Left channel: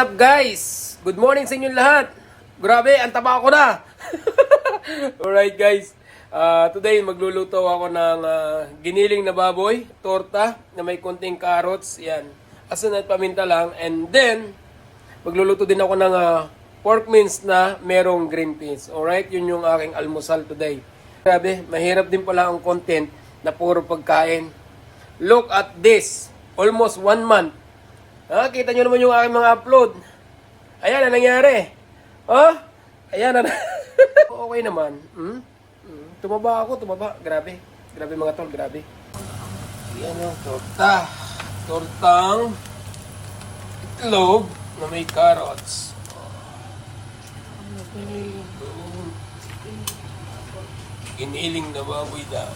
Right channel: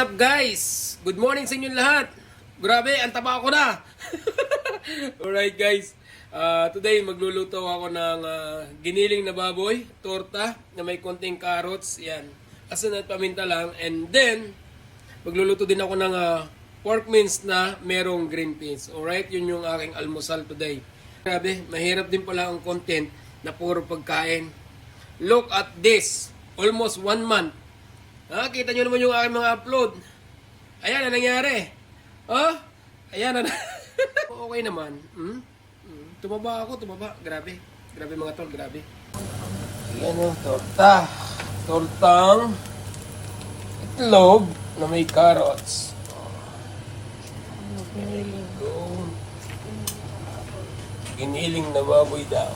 up guys? Good morning sa inyong lahat. Grabe, ang taba ko na. Alright guys. Ah, today magluluto ako ng ah, giniling na baboy, torta na may konting carrots, yan. Asin at paminta lang and then magluluto din ako ng ah, pork mince na merong green peas. Alright, yun yung aking almusal today. Grabe, mahirap din pala ang content na puro pagkain. Look at this. Almost one month. Ah, kita nyo naman yung aking mga upload. Ayan ang nangyari. Oh, ayan na. okay naman. Hmm? Hmm. Tumaba ako, tumaba. Grabe. Grabe mga tol, grabe. Yan yung torta. Tortang itlog na may carrots. Iniling na baboy da.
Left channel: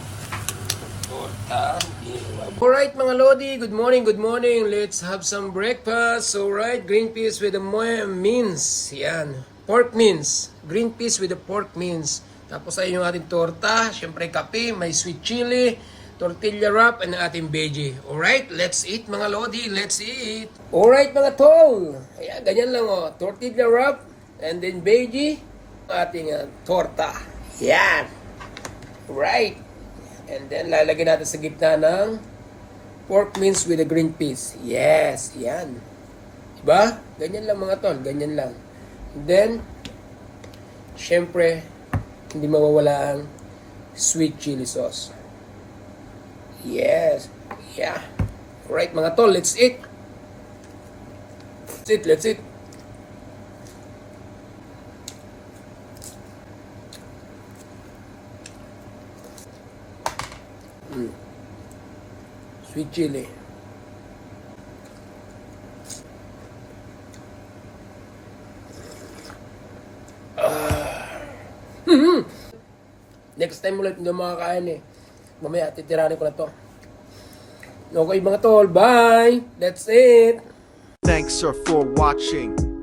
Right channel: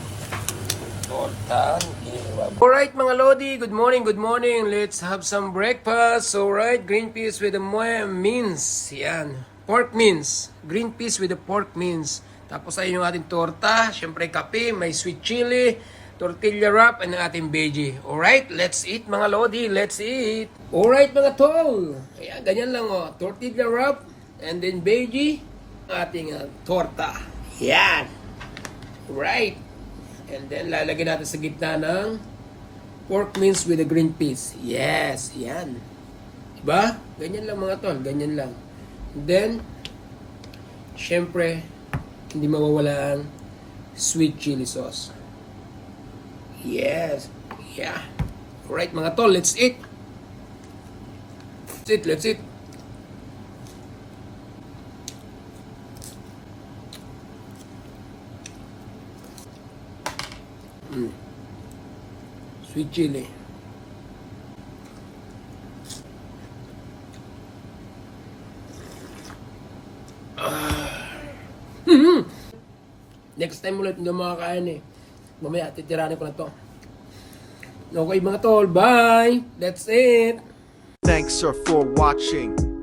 Alright mga Lodi, good morning, good morning. Let's have some breakfast. Alright, green peas with the mince. Yan. Pork mince. Green peas with the pork mince. Tapos ayun yung ating torta. Siyempre kape, may sweet chili, tortilla wrap, and ating veggie. Alright, let's eat mga Lodi. Let's eat. Alright mga tol. Ayan, ganyan lang oh. Tortilla wrap, and then veggie, ating ah, torta. Yan. Right. And then lalagyan natin sa gitna ng pork mince with the green peas. Yes, yan. Diba? Ganyan lang mga tol, ganyan lang. And then, syempre, hindi mawawala ang sweet chili sauce. Yes. Yeah. Right mga tol, let's eat. Let's eat, let's eat. Sweet chili. Mhm. Next time ulit hindi makakain eh. Mamaya titiranin ko na to. Okay mga tol, bye! That's it! Thanks sir for watching.